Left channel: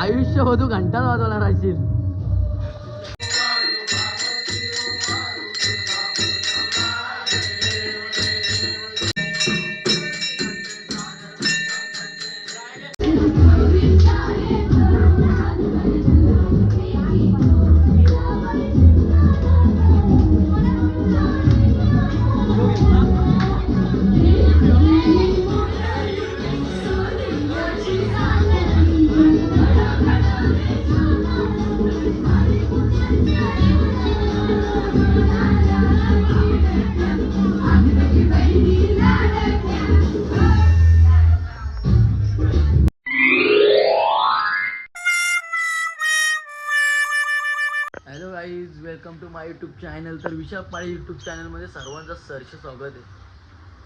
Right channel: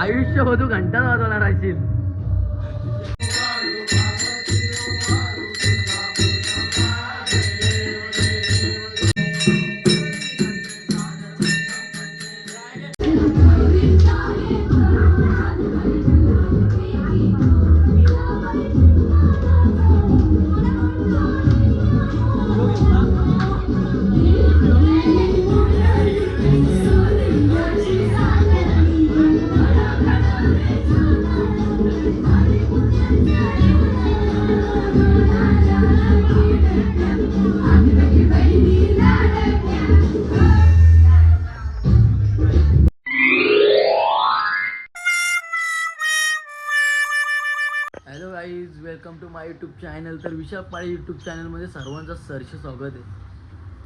आयुष्य हो तू घंटा वाजवणार राहशील. Hello guys, welcome to my YouTube channel. तर विशाख पाळी यूट्यूब चॅनलमध्ये सर्वांचं सहर्ष स्वागत आहे.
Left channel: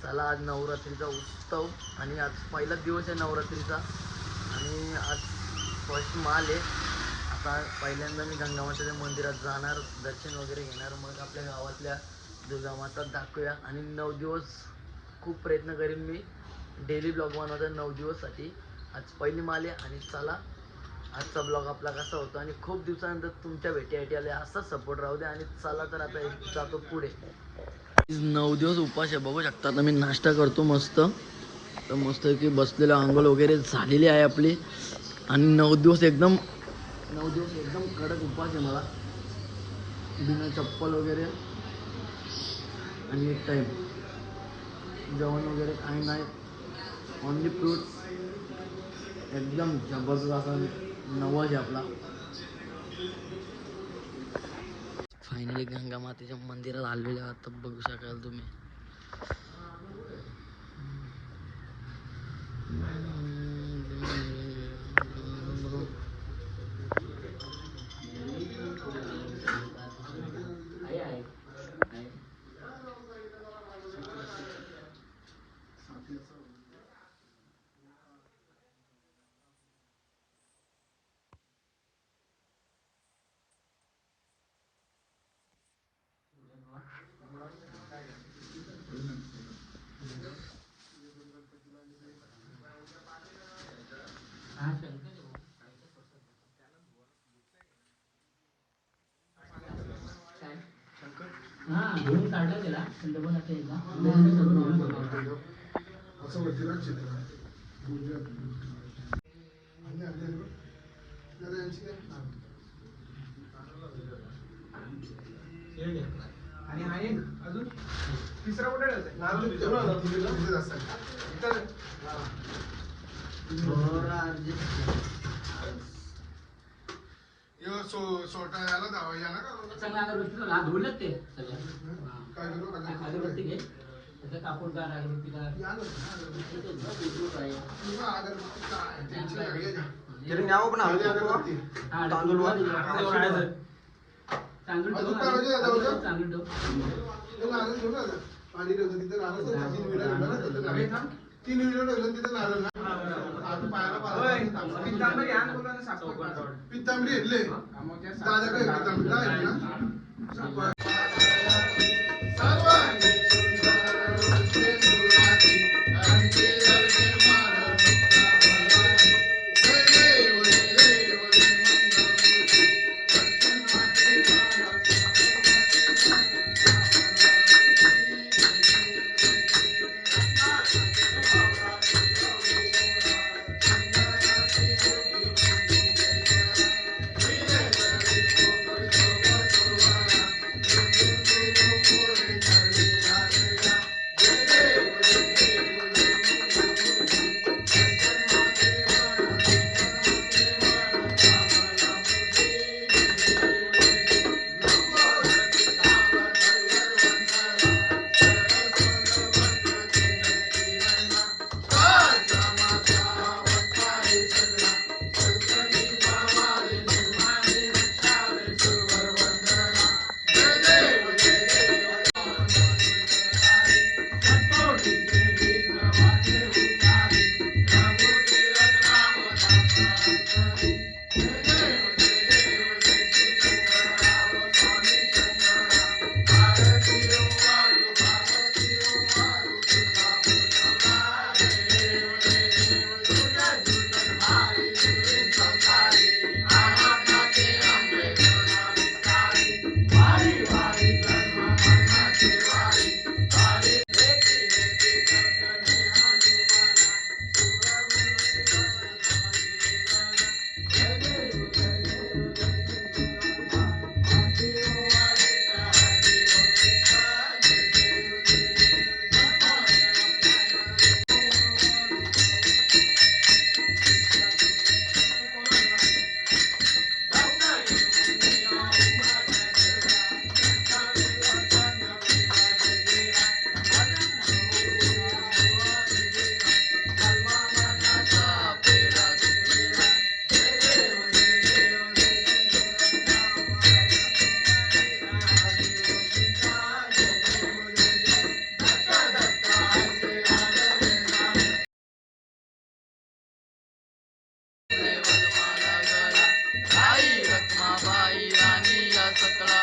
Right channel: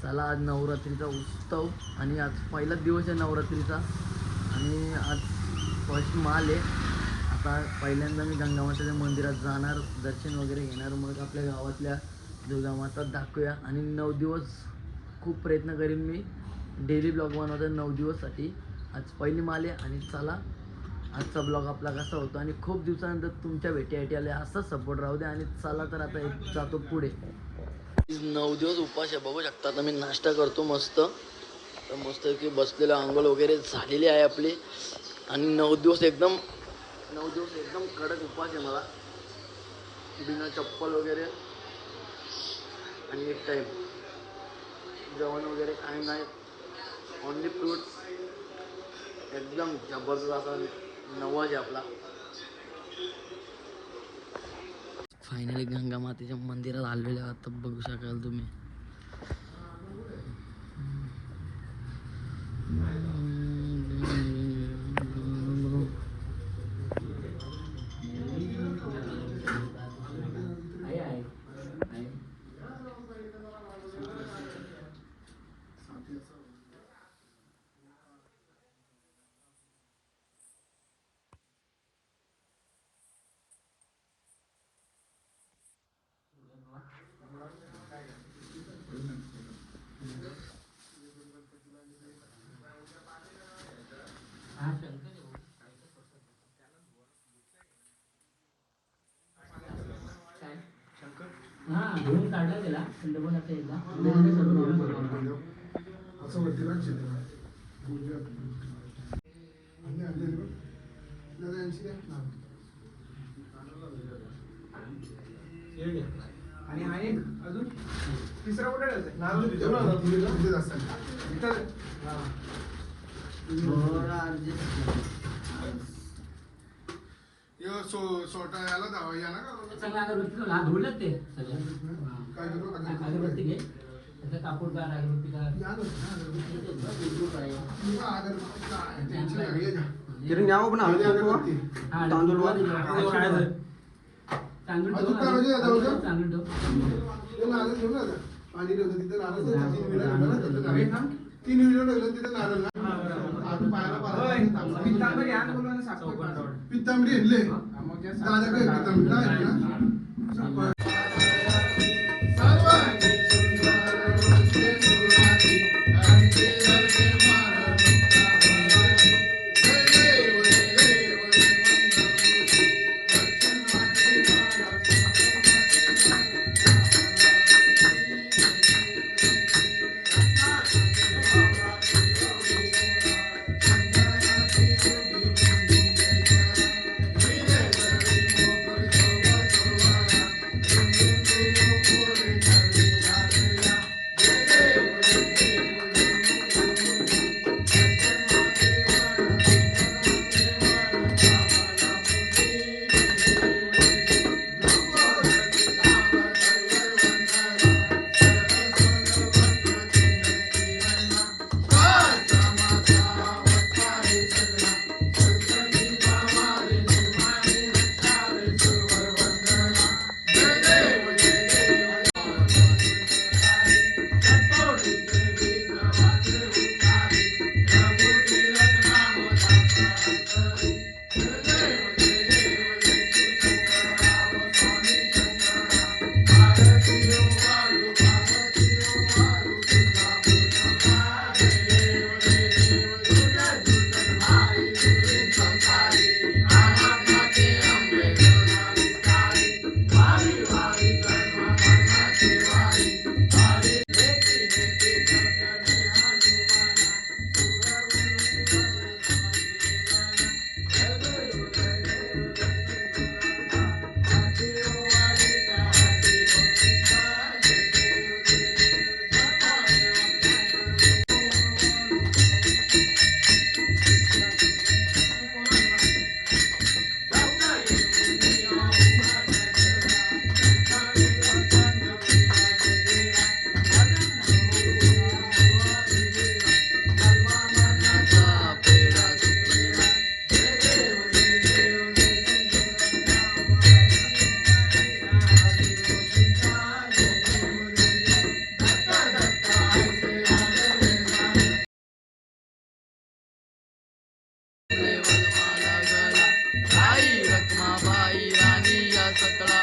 चला, आज नवरात्रीचा उत्सव आणि आज पहिलाच दिवस आहे नवरात्रीचा आणि आज फर्स्ट माल आहे. आता पहिल्यांदा मी गंगामाताच्या मंदिरात जाणार, दर्शन वगैरे घेणार, मग आपल्या गावातल्या दुर्गामाता दाखवूया आणि 9 दिवस खूप प्रयत्न करीन मी डेली ब्लॉग बनवतो 9 दिवससाठी. आज पहिली माल आहे आणि चला आजचा ब्लॉग आपला कसा होतो आणि खूप दिवसानंतर तुमच्या भेटीसाठी आले. असाच सपोर्ट राहू दे आणि चला तर आता जातो पुढे. 9 दिवस उपास आहे, बघू शकता. आता मी नाश्ता करतो मस्त. तर मस्त की बसलेलं, आंघोळ वगैरे झालेली आहे आपली आणि 9 दिवस एकदम कडक उपास आहे मला, बिना चप्पल वगैरे आणि एक टाईम जेवण वगैरे काही नाही, ओनली फ्रूट. एकदम जबरदस्त असा नवाज आहे आपला. फायनली गंगा मातेच्या मंदिरात आलेले आता बघू शकाल तुम्ही. घेऊन काढलं गेला पण आता एकदा आणि अजून तिसरा कुठे रखमाबाई राणी या सकला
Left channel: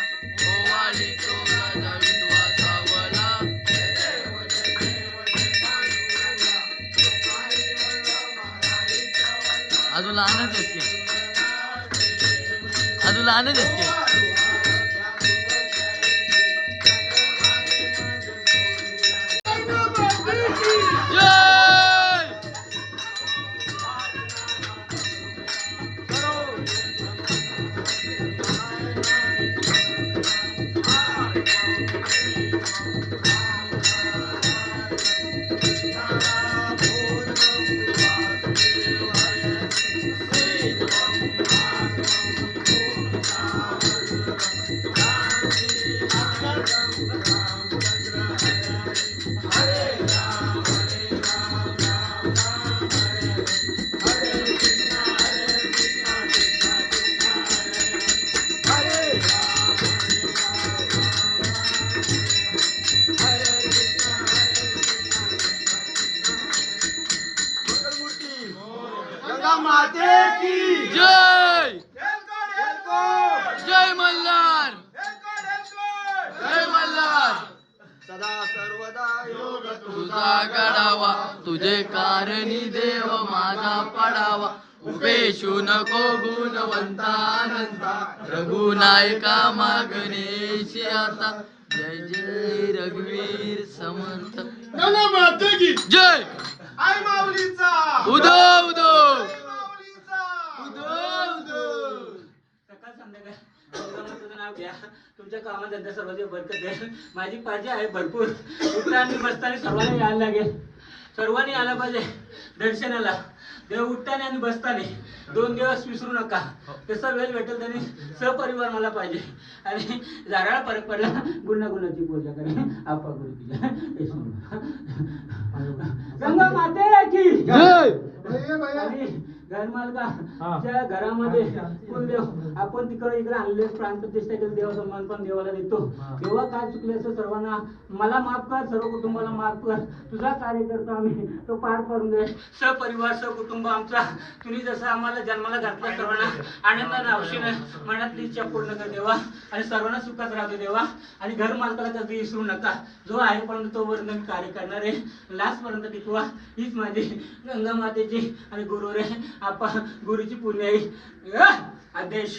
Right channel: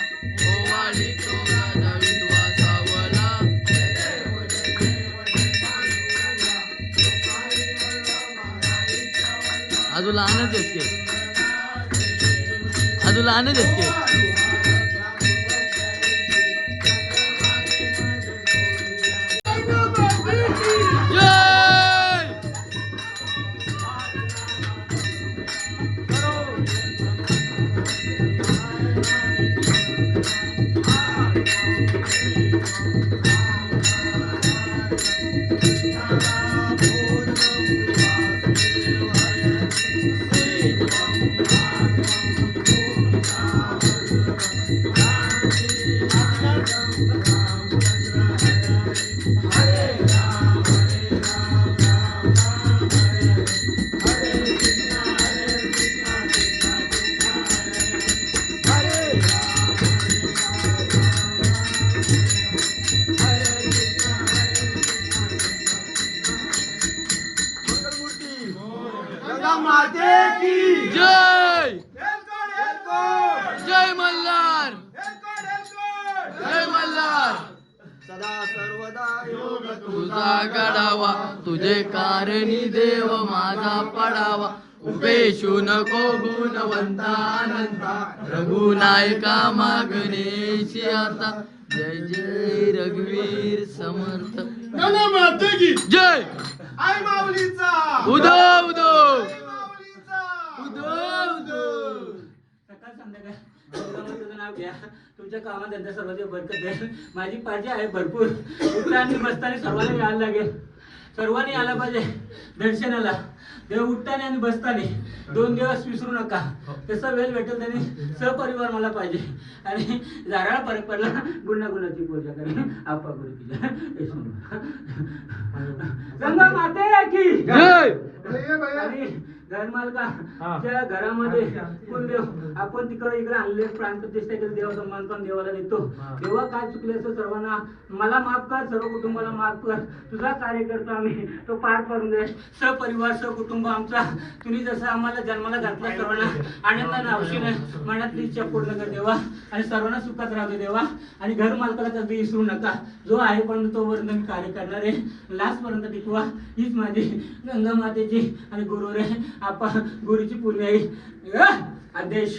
ओवाळी तो राजा विधवा सावला. अजून लहानच आहेत की, अजून लहानच आहेत की. जय जय मल्हार, जय मल्हार. सदा सर्वदा योग तुझा गडावा तुझे कारणी देव माझा पडावा. उपेशू नको गुणवंता अनंता रघुनायका मागणेशी आता. जय जय रघुवीर समर्थ. जय आई माऊलीचा उदो उदो सकाळ संध्याकाळ तुझं नाव घ्या. तुमच्या कामात धंदा सर्वांची बरकत द्या. माझी पाहिजे आहे भरपूर. उठताना बसताना सर्वांनी यायला लागेल. सर्वांनी आलं पाहिजे दर्शनाला. देव उठताना आणि बसताना 2 दिवस विसरू नका. तसा वेळ भेटेल त्याने सहपरिवार मला पाहिजे. आणि जारा फरक पडला गुणागुणाची पूजा करेन. आपा गुरुजीला गंगा माते की जय. आणि घरमालकाच्या घरामध्ये कोण देव आपण तिकडे इकडे आणले प्राणप्रतिष्ठा केली. देव सन्मान पण देवाला देतो. देवा काय चुकले असं सर्वांना मला माफ कर. सर्व कुटुंबाला माफ कर. तुझा कार्य करतो आम्ही तो पार पडून दे. सहपरिवार सहकुटुंब आमचा तुम्ही जसं आम्हाला जन्माला घातला सर्वांना आनंदाने हौशीनं मनातली इच्छा पूर्ण कर देवा. आणि सर्वांना सुखात राहू दे देवा. आणि घर मालकाला कधी विसरू नका. जो आहे पण तोपर्यंत मी कार्य करणार आहे. लास्ट पर्यंत टिकवा. हीच माझी गंगा मातेची आणि गुरु रे आपण गुरुची पुण्य आहे आदेश.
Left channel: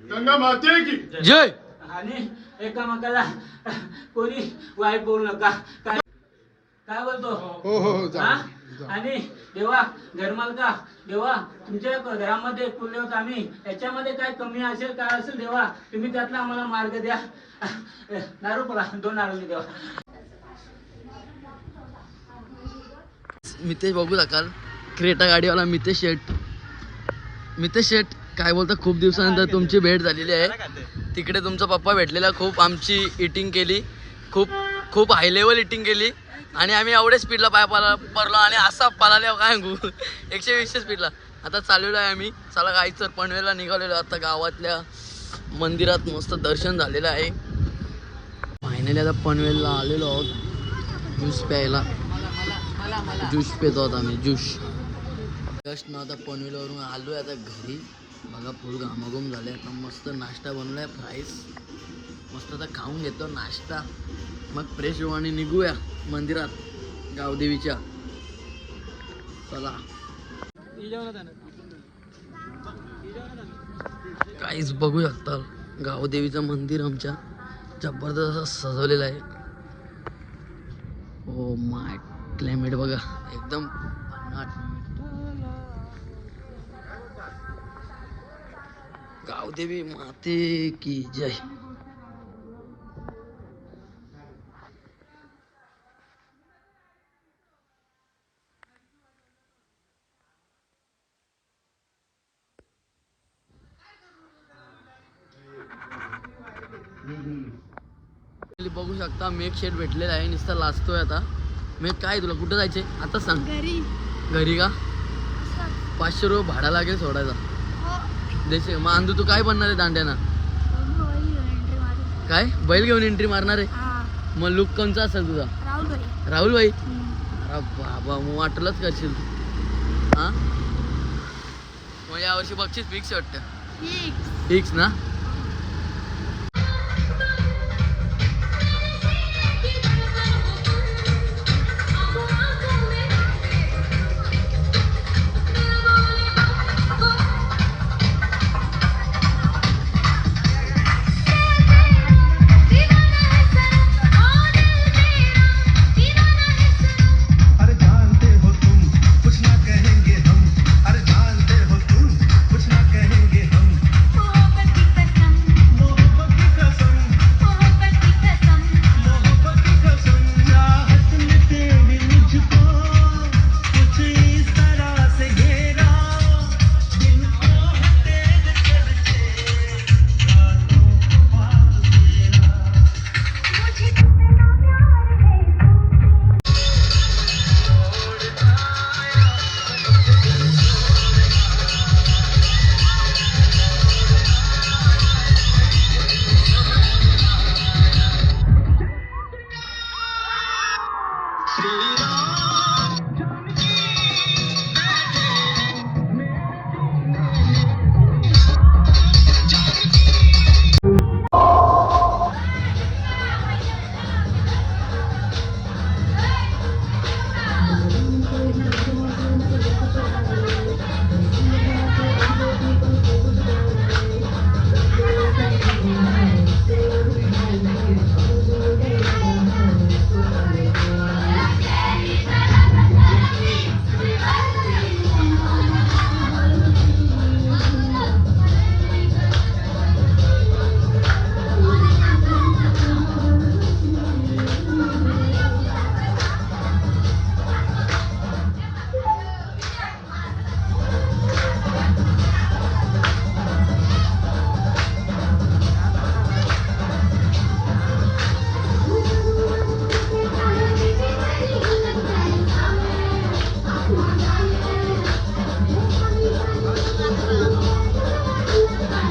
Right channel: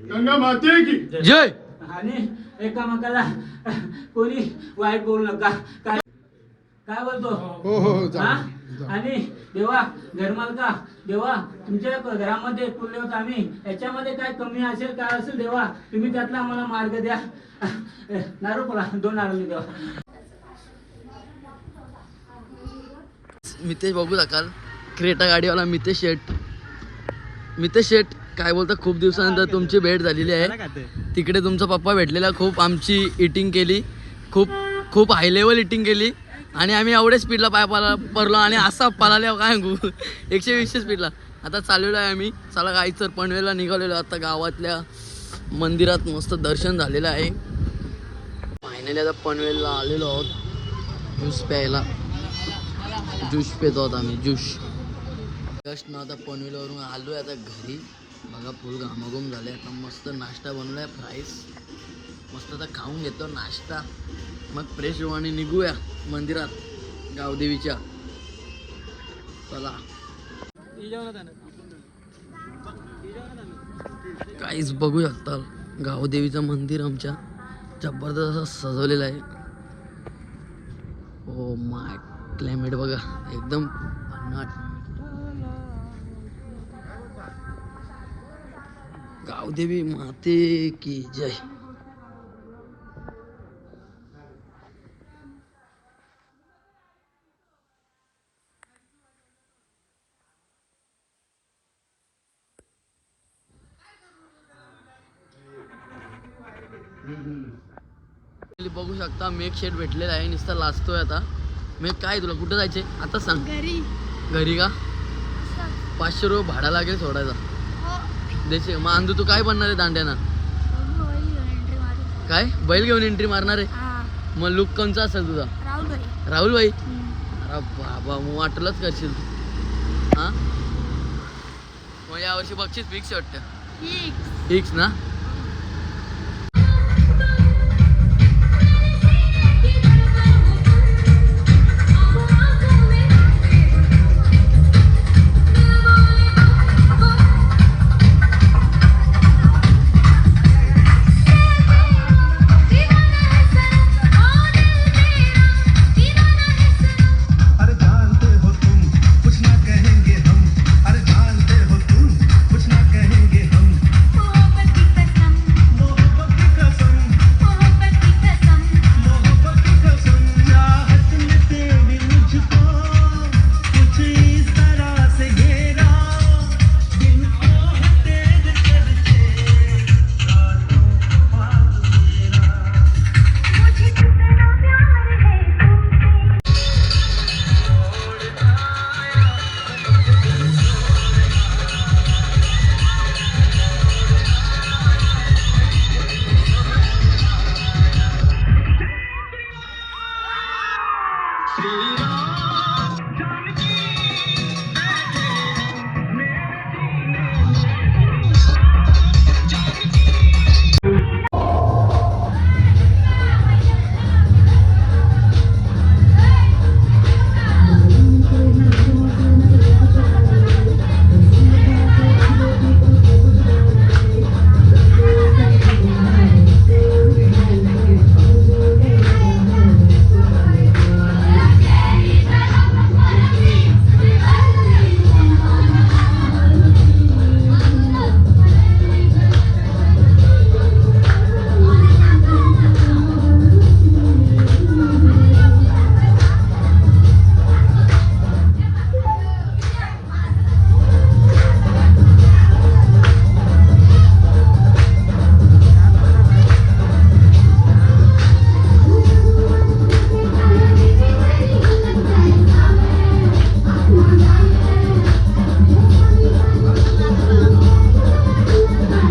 गंगा माते की जय. आणि एकामेकाला कोणी वाईट बोलू नका. काय बोलतो हो हो हा? आणि देवा घरमालका देवा तुमच्या घरामध्ये कुलदेवता आम्ही याच्यामध्ये काय कमी असेल काय असेल देवा तुम्ही त्यातला आम्हाला मार्ग द्या. नारू पडा 2 नारू देवा. मितेश बघू शकाल क्रेटा गाडीवाला मितेश शेट. मितेश शेट काय बोलता, खूप दिवसानंतर तुमची भेट झालेली आहे. तिकडे तुमचा पप्पा भेटलेला, खूप आमची इटिंग केली, खूप खूप हाय लेवल इटिंग केली. आणि आम्ही एवढे स्पीडला पाय पडलो आणि असा पळाल्या काय 120 स्पीडला. आता चाललेलो आहे आम्ही. चला काही सर पनवेलला निघालेलो. आता गावातल्या मंदिरात मस्त दर्शन झालेलं आहे. फायनली आता पनवेलला आलेलो आहोत ज्यूस प्यायला. ज्यूस पितो आहोत आम्ही ज्यूस. जस्ट ना आता पनवेलवरून आलो आहे आता घरी. बघा फुल घामाघूम झाले. आता मस्त नाश्ता बनवला आहे फ्राईज. मस्त आता खाऊन घेतो नाश्ता. मग फ्रेश होऊ आणि निघूया मंदिरात गावदेवीच्या. चला काहीच बघू शकता गावदेवीचं मंदिर आमच्या जबरदस्त असं सजवलेलं आहे. ओ माय क्लायमेट बघा एकदम भन्नाट. गावदेवी माते की जय. बघू शकता मेक शेट भेटलेला आहे. नुसता लाजतोय आता. मेक काय तुला कुठं जायचे आता सांग. घरी का 500 रुपये भाडा लागेल सोडायचा. द्यायचे मग अंधू तू काय बनणार आहे दांड्याना. काय बैल घेऊन एंट्री मारणार आहे. मग लुक कोणचा असेल तुझा. राहुल भाई. अरे बाबा मग वाटलंच करशील तू. हा मग यावर्षी बक्षीस फिक्स वाटतं. फिक्स ना.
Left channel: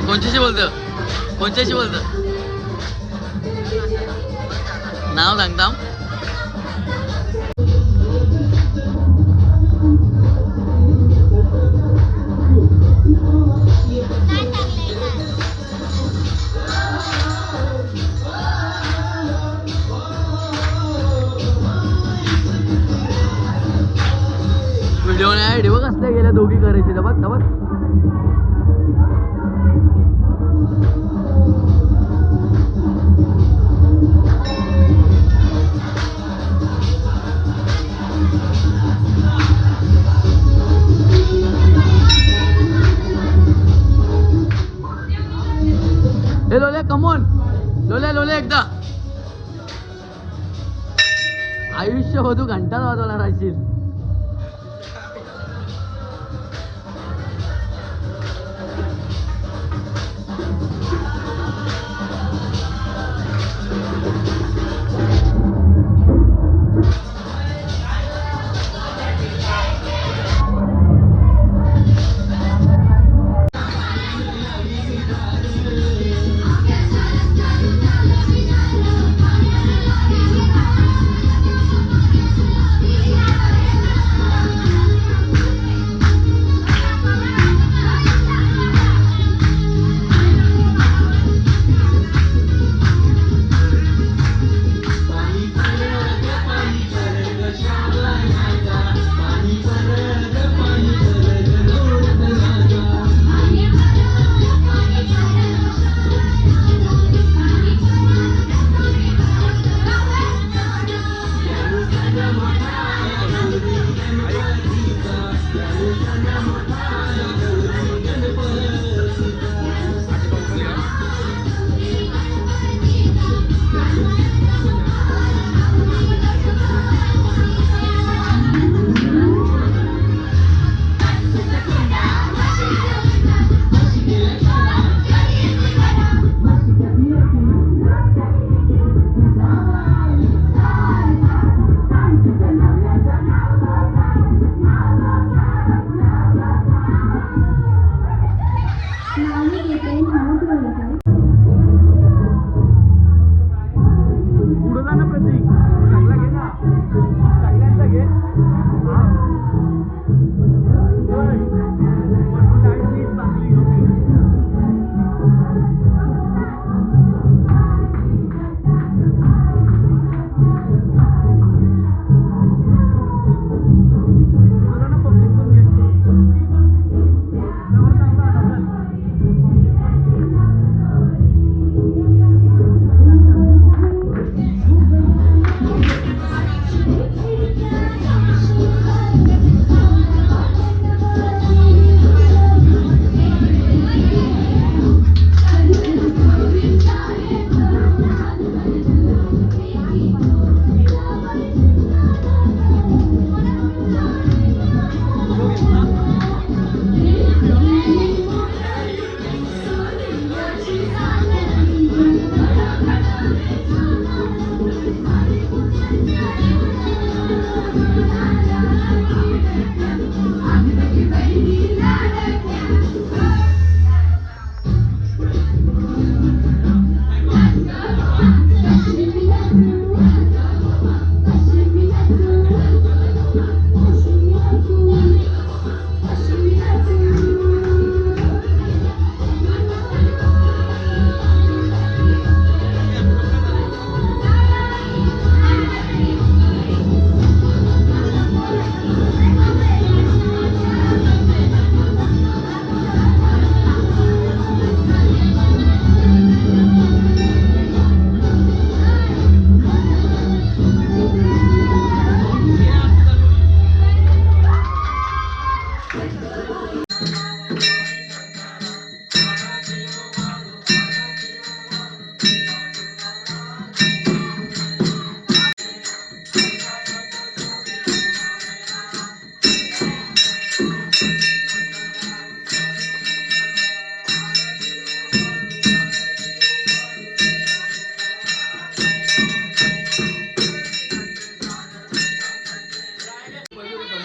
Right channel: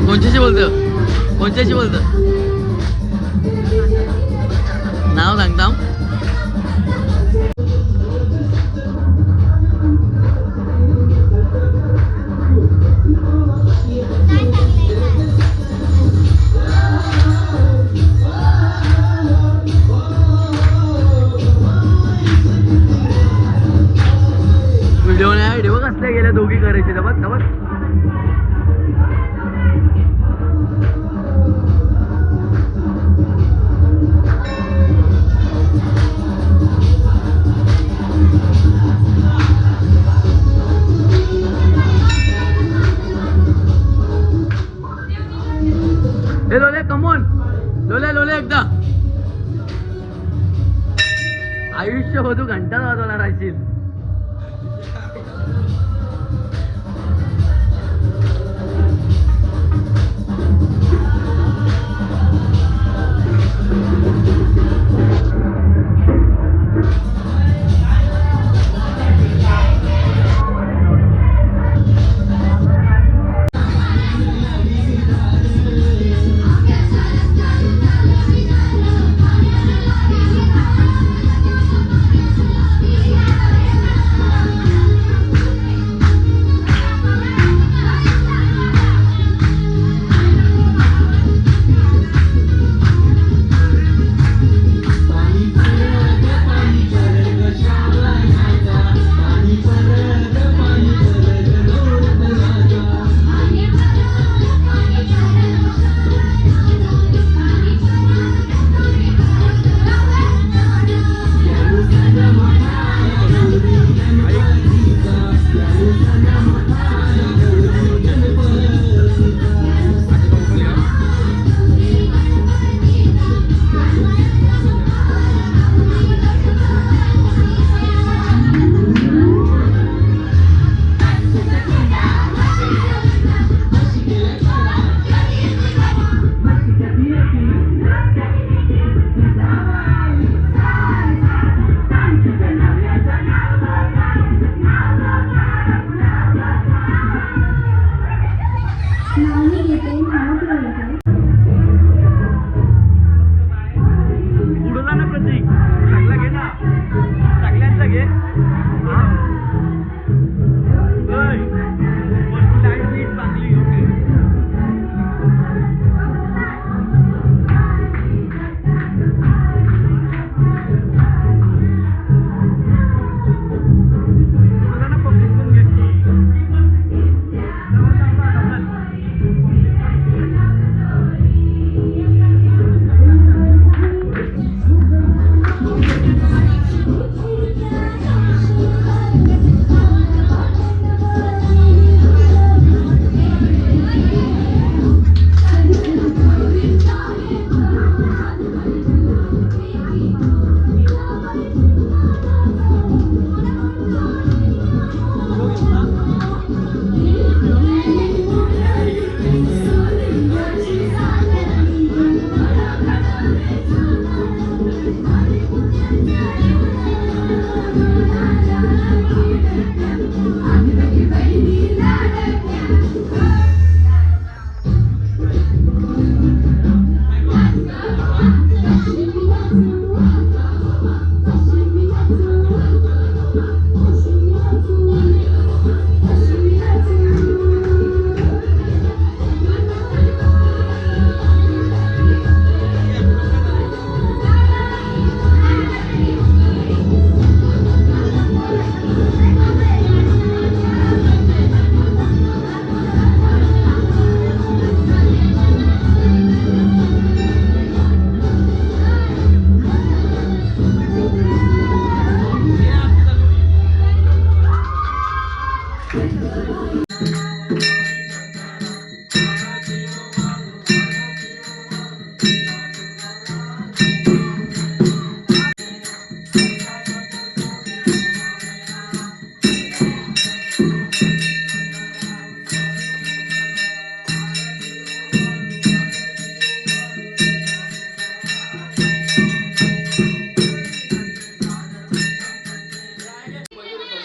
कोणच्याशी बोलतं कोणच्याशी बोलतं नाव सांगता. व्हिडिओ कसले गेले दोघी करायची जबत जबत. हे लोले कमून लोले लोले एकदा आयुष्य हो तू घंटा वाजवला राहशील.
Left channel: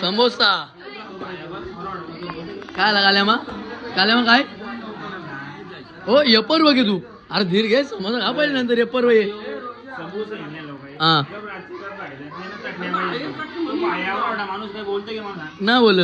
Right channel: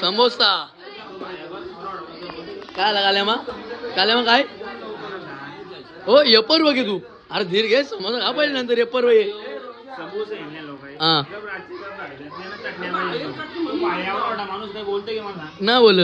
समोसा काय लगाल्या मग काय हो यपर बघे तू अरे धीर घे समोसा खा पाहिजे नंतर यपर ये हा ना बोल